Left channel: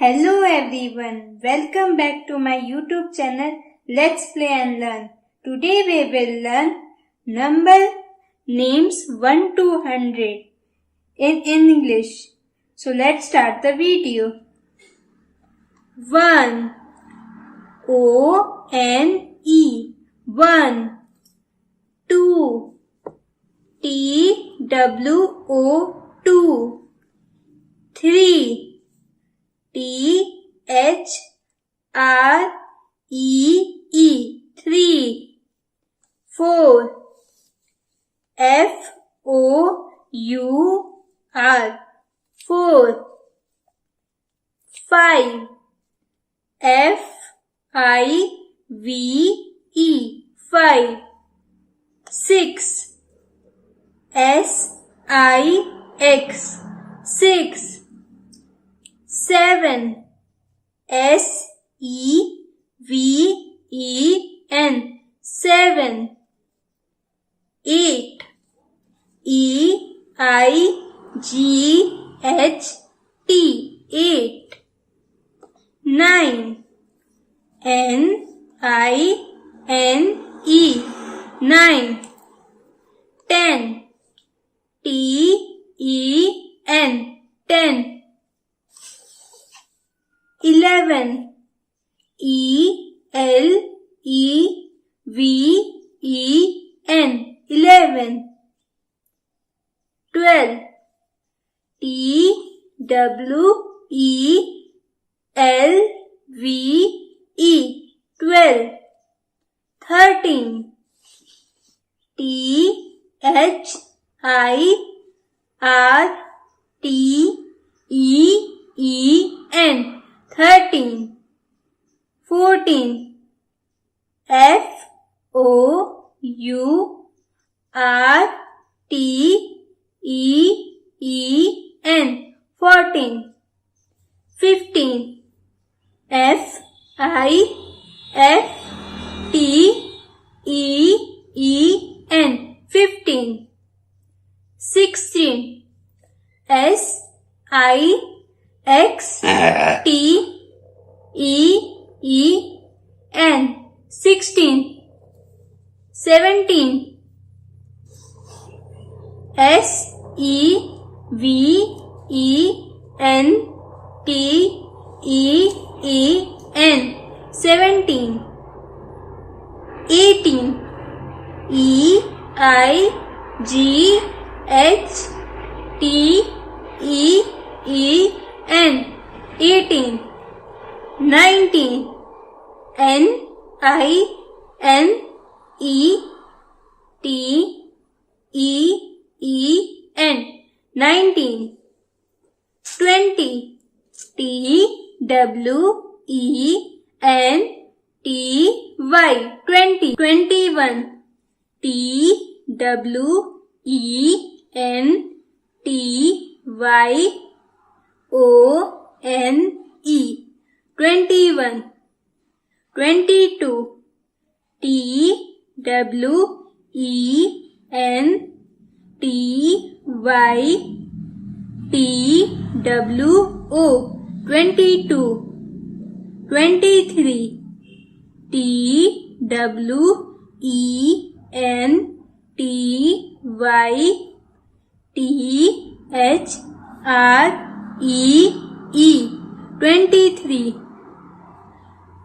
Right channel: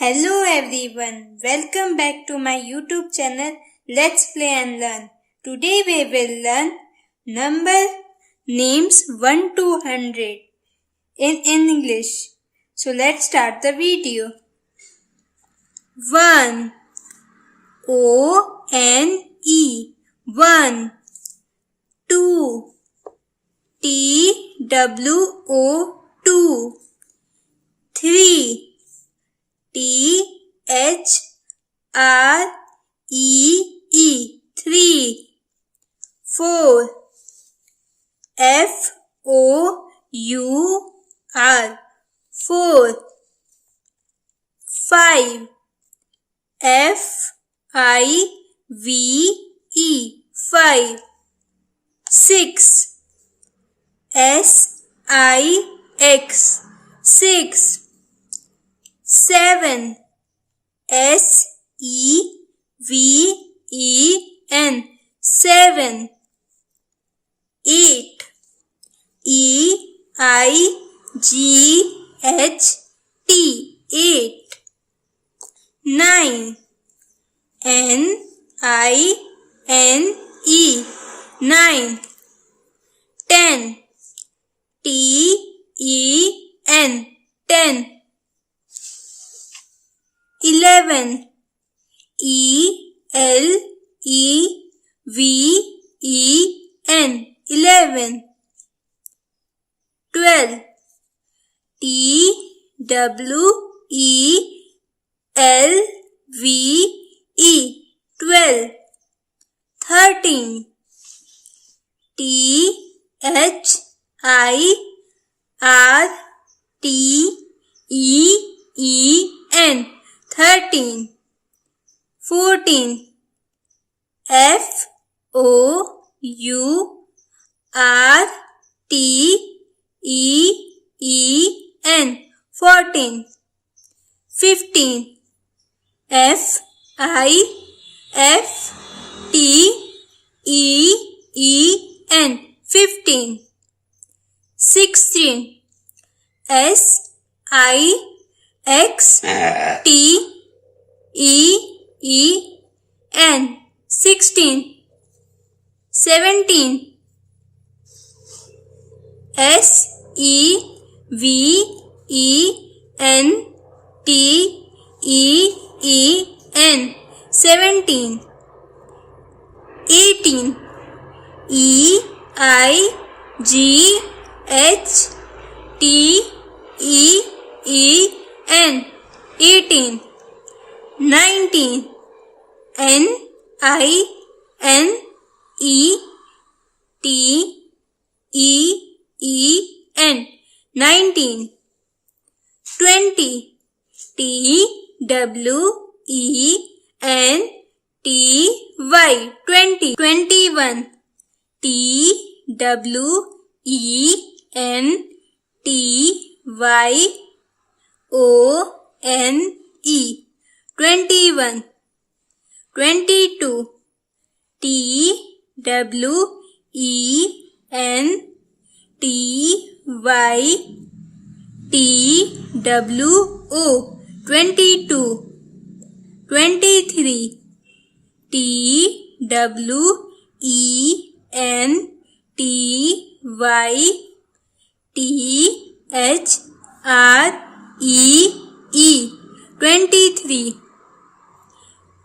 Hello everyone, welcome back to my YouTube channel Let's Play and Learn. Today we will learn number names 1 to 100 in English. So let's start the video. 1 O-N-E 1 2 T-W-O 2 3 T-H-R-E-E 3 4 F-O-U-R 4 5 F-I-V-E 5 6 S-I-X 6 7 S-E-V-E-N 7 8 E-I-G-H-T 8 9 N-I-N-E 9 10 T-E-N 10 11 E-L-E-V-E-N 11 12 T-W-E-L-V-E 12 13 T-H-I-R-T-E-E-N 13 14 F-O-U-R-T-E-E-N 14 15 F-I-F-T-E-E-N 15 16 S-I-X-T-E-E-N 16 17 S-E-V-E-N-T-E-E-N 17 18 E-I-G-H-T-E-E-N 18 19 N-I-N-E-T-E-E-N 19 20 T-W-E-N-T-Y 20 21 T-W-E-N-T-Y-O-N-E 21 22 T-W-E-N-T-Y-T-W-O 22 23 T-W-E-N-T-Y-T-H-R-E-E 23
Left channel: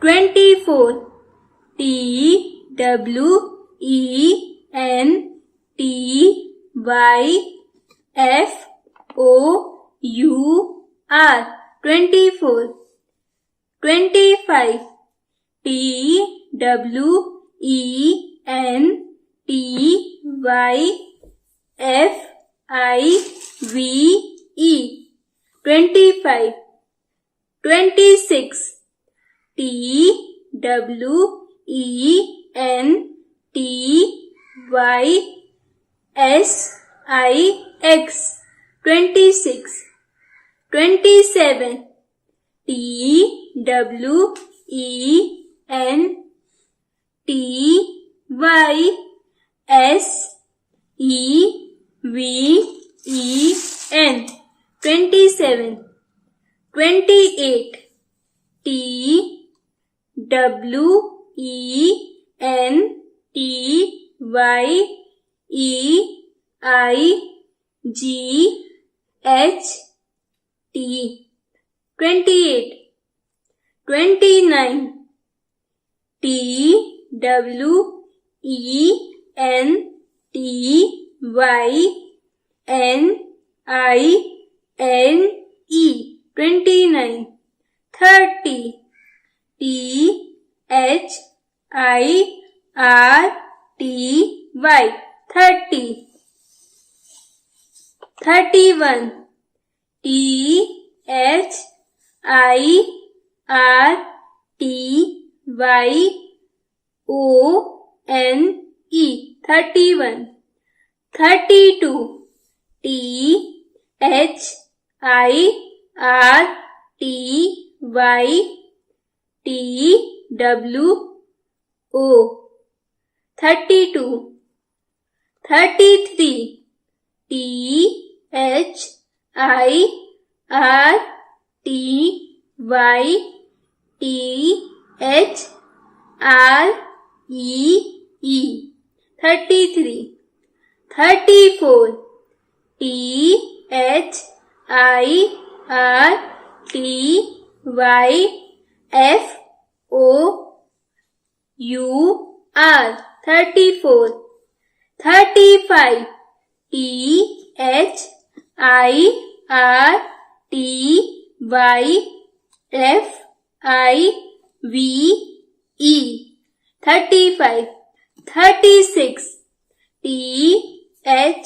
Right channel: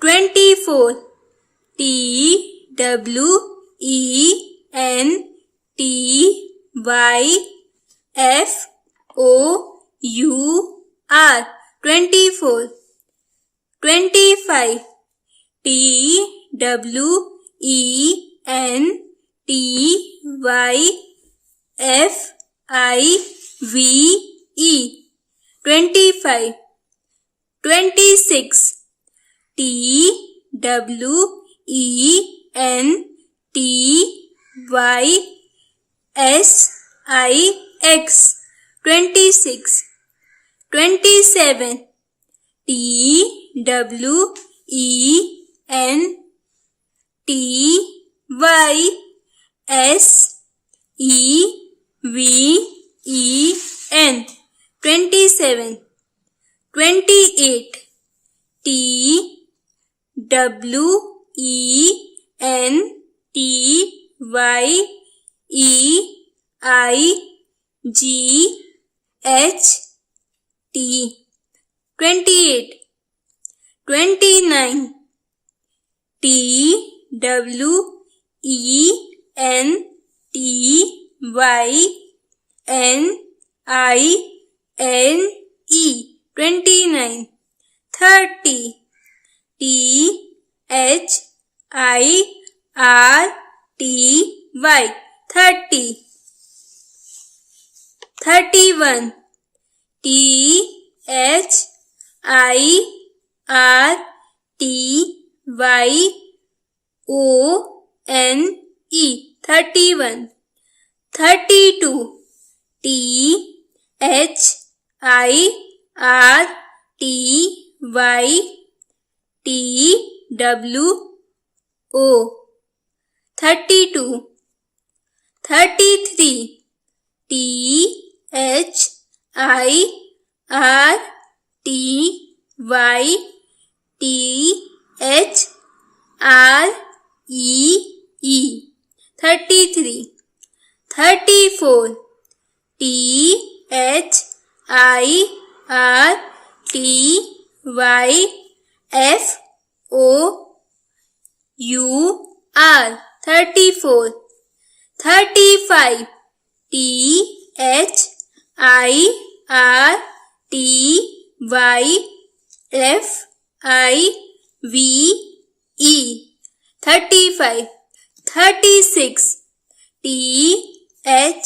24 T-W-E-N-T-Y-F-O-U-R 24 25 T-W-E-N-T-Y-F-I-V-E 25 26 T-W-E-N-T-Y-S-I-X 26 27 T-W-E-N-T-Y-S-E-V-E-N 27 28. TWENTYEIGHT. 28. 29. TWENTYNINE. 29. 30. THIRTY. 30. 31. THIRTYONE. 31. 32. THIRTYTWO. 32. 33. THIRTYTHREE. 33. 34. THIRTYFOUR. 34. 35. THIRTYFIVE. 35. 36. THIRTYSIX.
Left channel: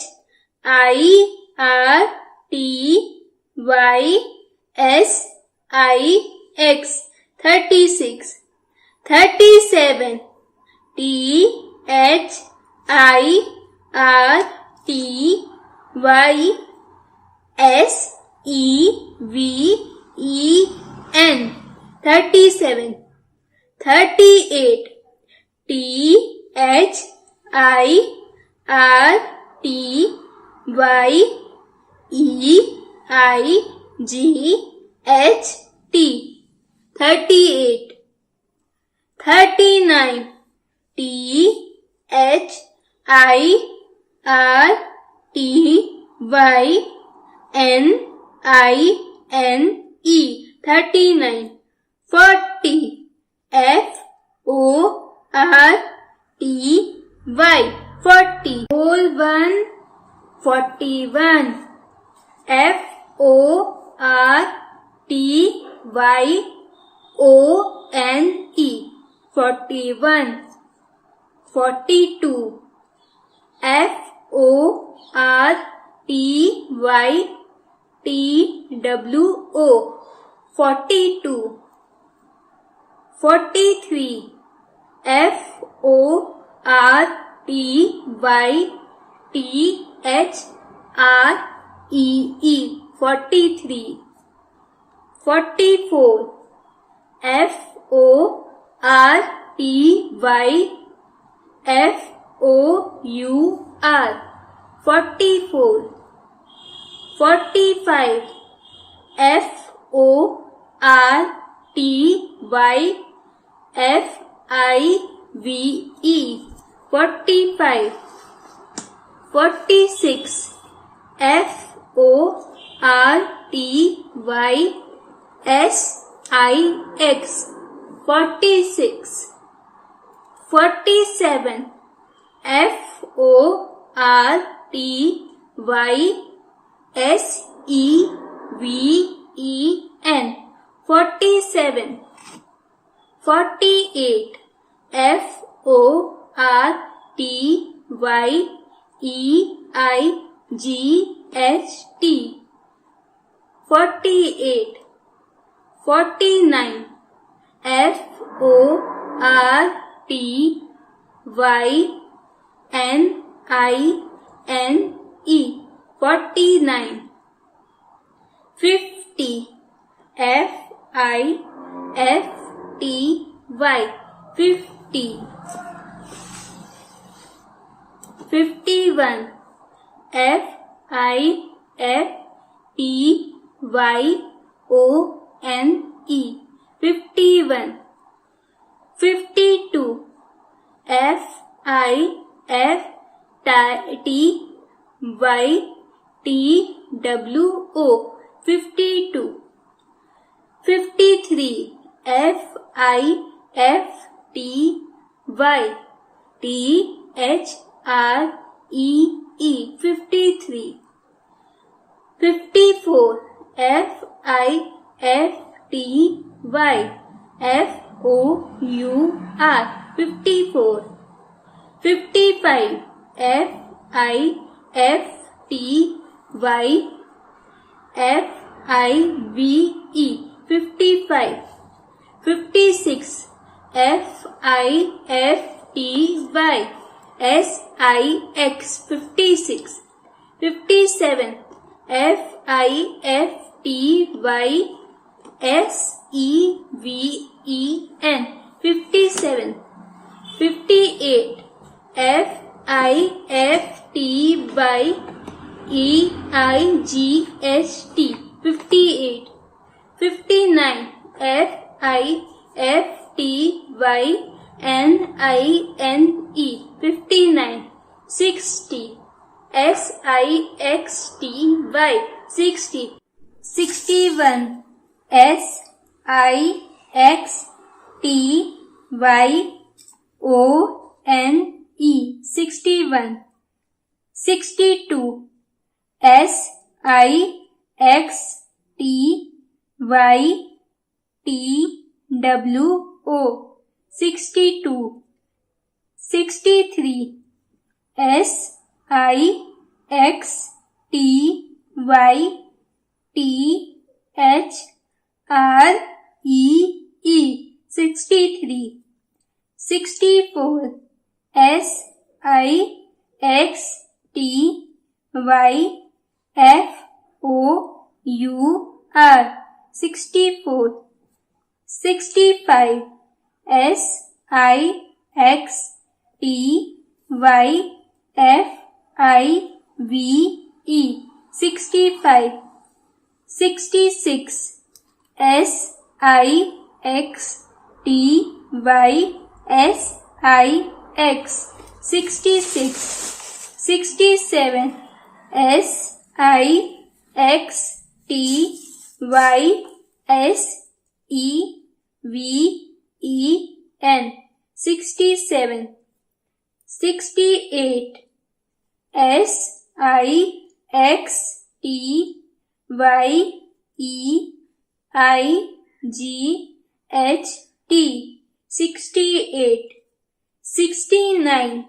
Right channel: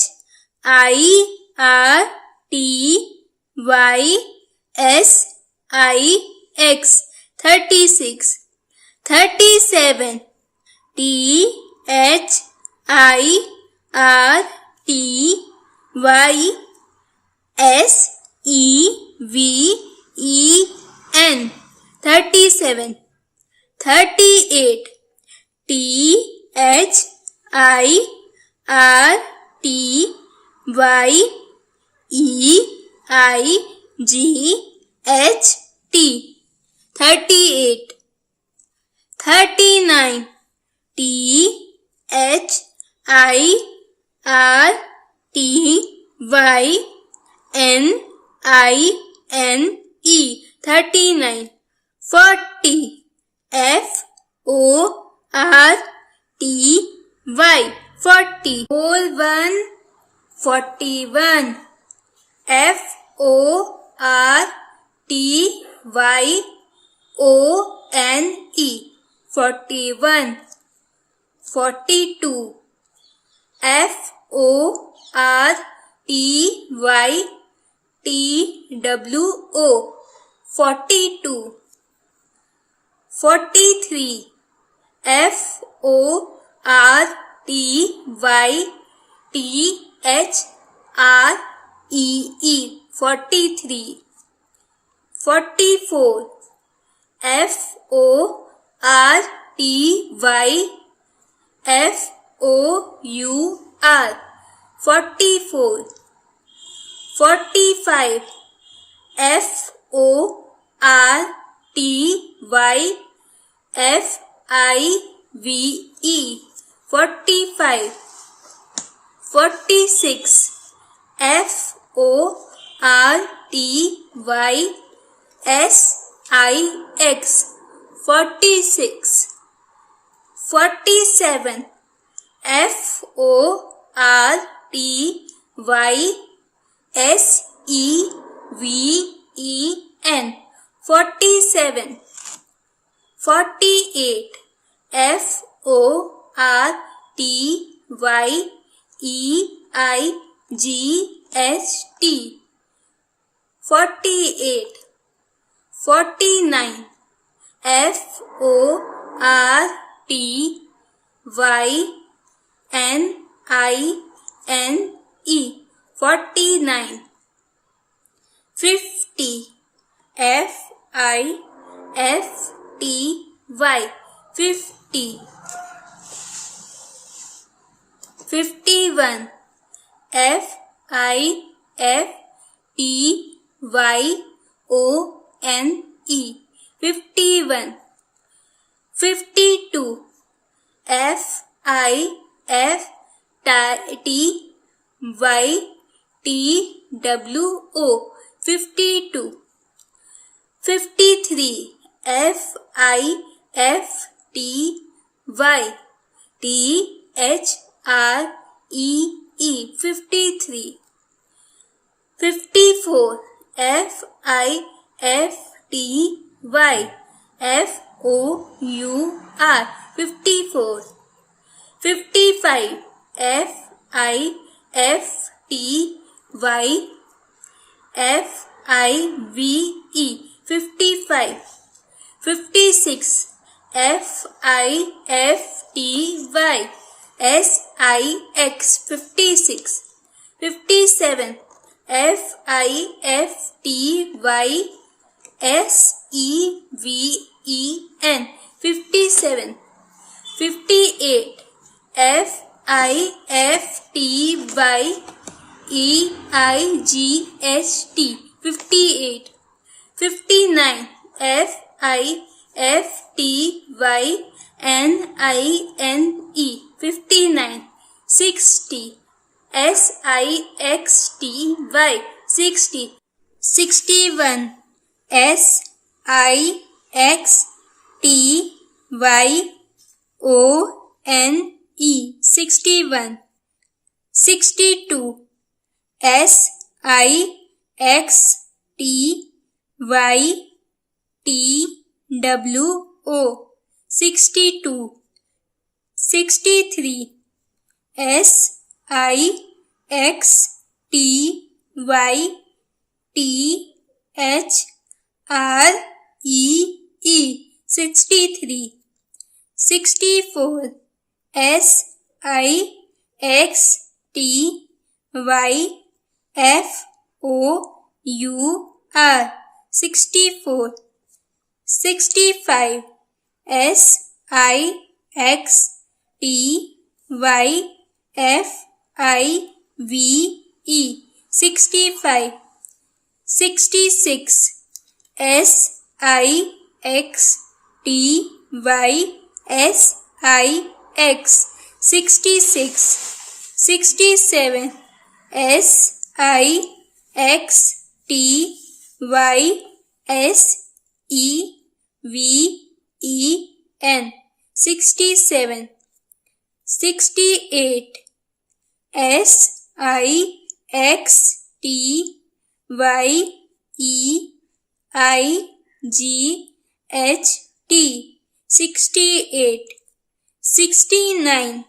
36. 37. THIRTYSEVEN. 37. 38. THIRTYEIGHT. 38. 39. THIRTYNINE. 39. 40. FORTY. 40. Whole one. 41. FORTYONE. 41. 42. FORTYTWO. 42. 43. FORTYTHREE. 43. 44. FORTYFOUR. 44. 45. FORTYFIVE. 45. 46. FORTYSIX. 46. 47. FORTYSEVEN. 47. 48. FORTYEIGHT. 48. 49. FORTYNINE. 49. 50. FIFTY. 50. 51. FIFTYONE. N-E 51. 52 F-I-F-T-Y-T-W-O 52. 53 F-I-F-T-Y-T-H-R-E-E 53. 54 F-I-F-T-Y-F-O-U-R 54. 55 F-I-F-T-Y-F-I-V-E 55. 56 F-I-F-T-Y-S-I-X 56. 57 F-I-F-T-Y-S-E-V-E-N 57. 58 F-I-F-T-Y-E-I-G-H-T 58. 59 F-I-F-T-Y-N-I-N-E 59. 60 S-I-X-T-Y 60. 61 S-I-X-T-Y-O-N-E 61. 62 S-I-X-T-Y-T-W-O 62. 63 S-I-X-T-Y-T-H-R-E-E 63. 64 S-I-X-T-Y-F-O-U-R 64. 65 S-I-X-T-Y-F-I-V-E 65. 66 S-I-X-T-Y-S-I-X 66. 67 S-I-X-T-Y-S-E-V-E-N 67. 68 S-I-X-T-Y-E-I-G-H-T 68. 69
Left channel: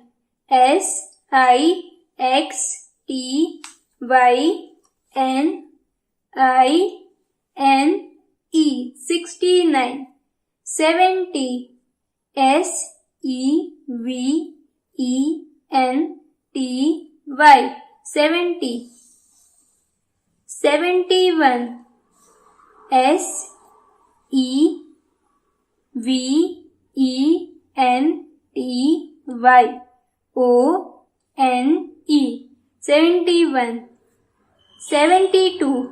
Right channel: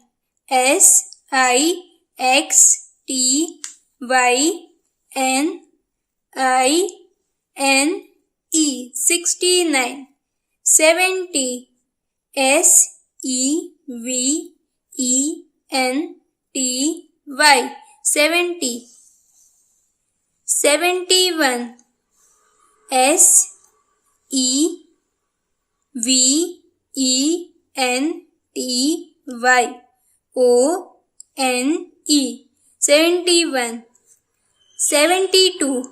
S-I-X-T-Y-N-I-N-E 69. 70 S-E-V-E-N-T-Y 70. 71 S-E-V-E-N-T-Y-O-N-E 71. 72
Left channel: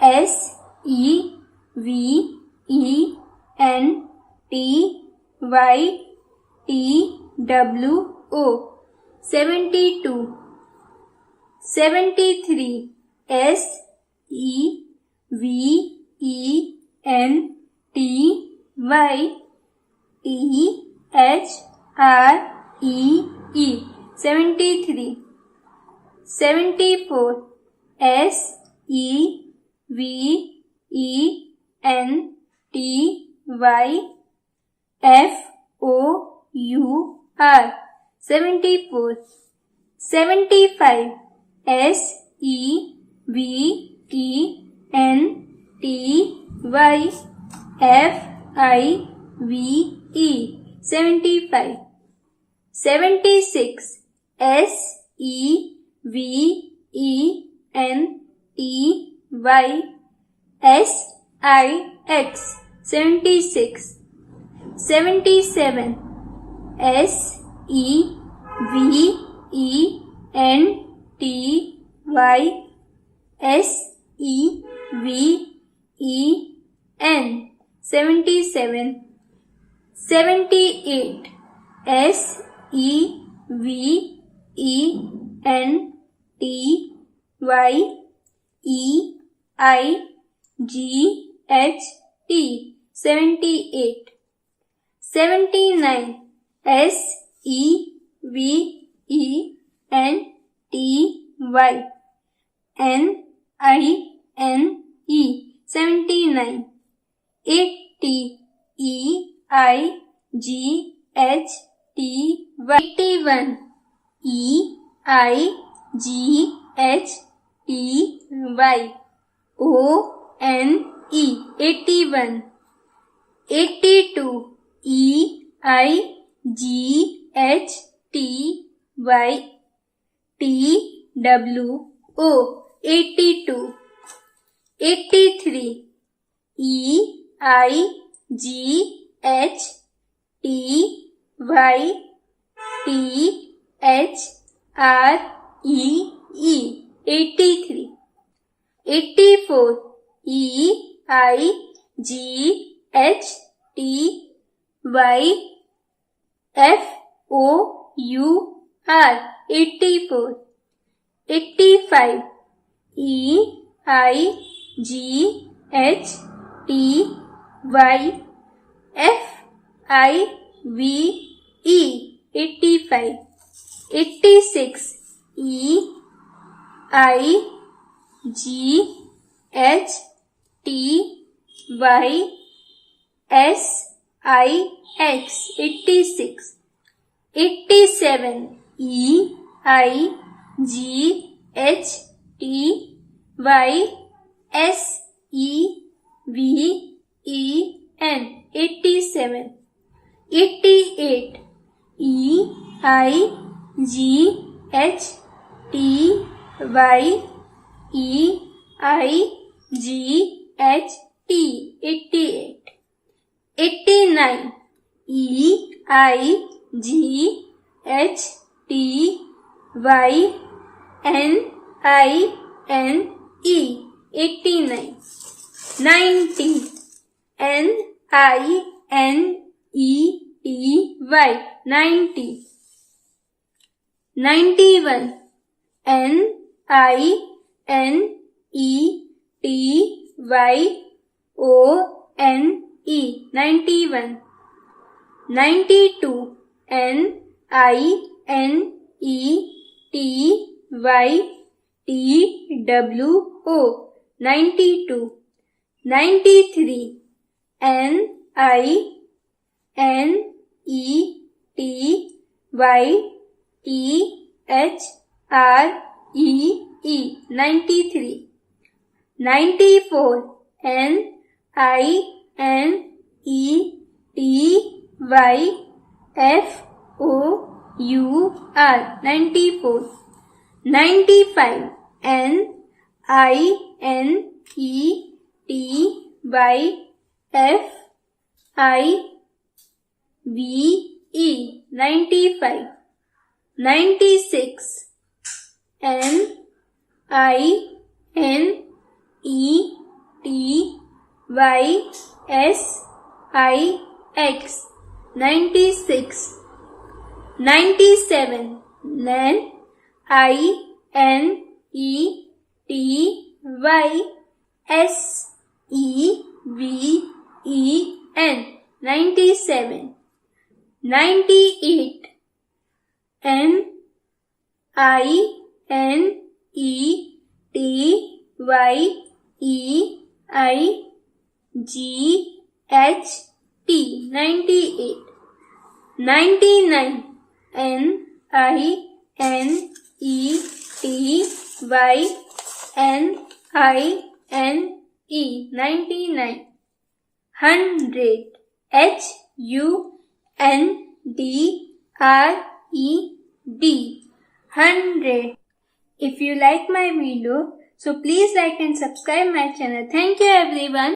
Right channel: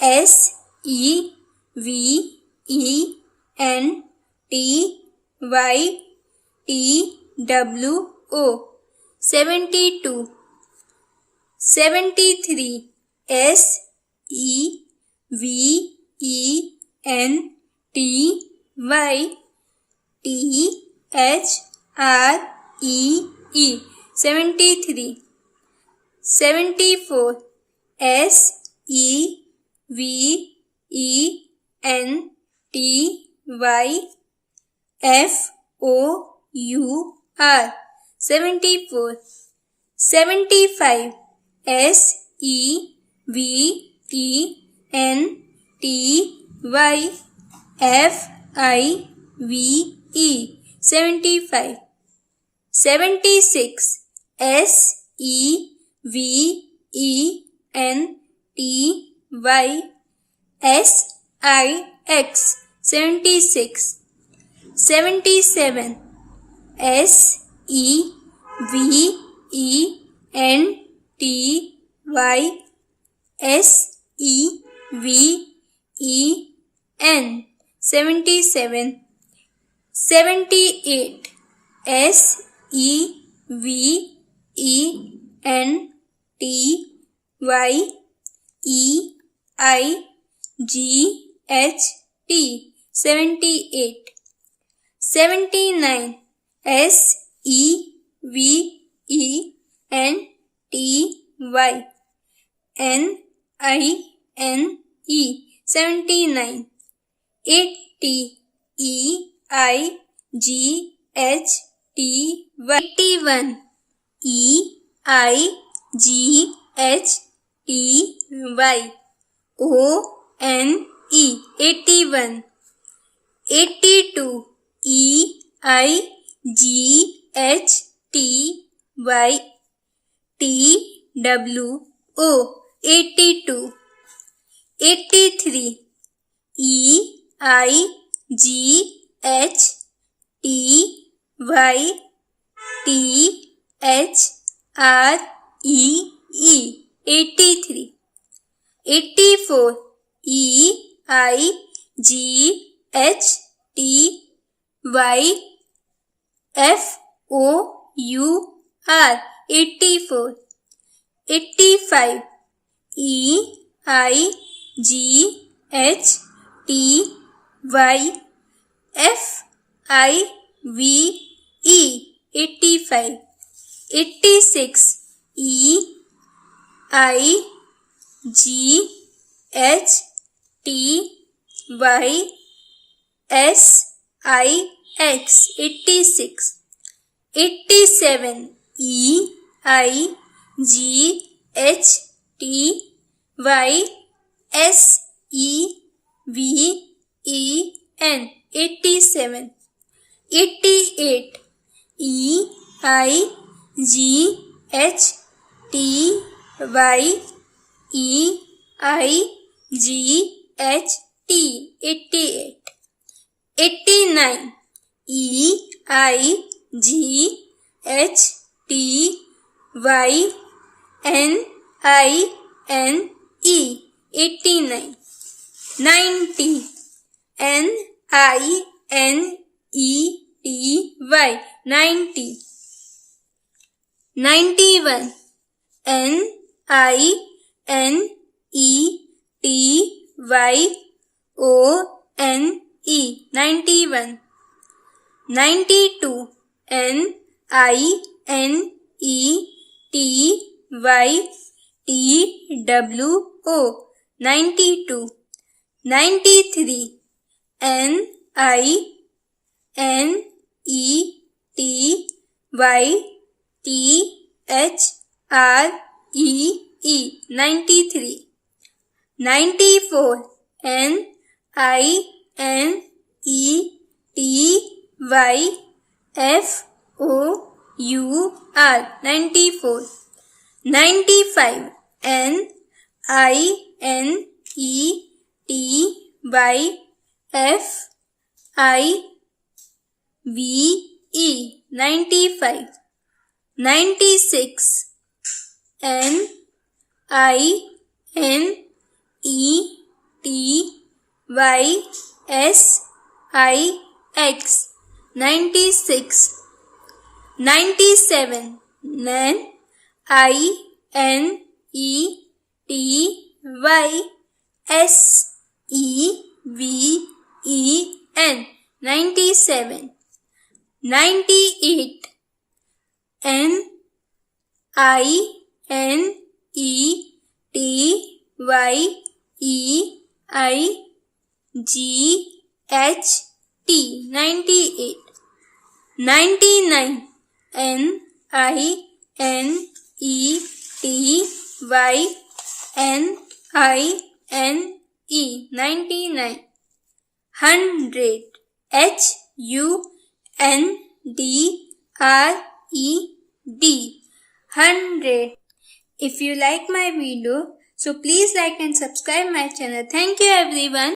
S-E-V-E-N-T-Y-T-W-O 72. 73 S-E-V-E-N-T-Y-T-H-R-E-E 73. 74 S-E-V-E-N-T-Y-F-O-U-R 74. 75 S-E-V-E-N-T-Y-F-I-V-E 75. 76 S-E-V-E-N-T-Y-S-I-X 76. 77 S-E-V-E-N-T-Y-S-E-V-E-N N. 77. 78. S E V E N T Y E I G H T. 78. 79. S E V E N T Y N I N E. 79. 80. E I G H T Y. 81. E I G H T Y O N E. 81. 82. E I G H T Y T W O. 82. 83. E I G H T Y T H R E E. 83. 84. E I G H T Y F O U R. 84. 85. E I G H T Y F I V E. 85. 86. E I G H T Y S I X. 86. 87. E I G H T Y S E V E N. 87. 88. E I G H T Y E I G H T. 88. 89. E I G H T Y N I N E. 89. 90. N I N E T Y. 90. 91. N I N E T Y O N E. 91. 92. N I N E T Y T W O. 92. 93. N I N E T Y T H R E E. 93. 94. N I N E T Y F O U R. 94. 95. N I N E T Y F I V E. 95. 96. N I N E T Y S I X. 96. 97. N I N E T Y S E V E N. 97. 98. N I N E T Y E I G H T. 98. 99. N I N E T Y N I N E. 99. 100. H U N D R E D. 100. If you like my video, so please like and subscribe my channel. Thank you everyone.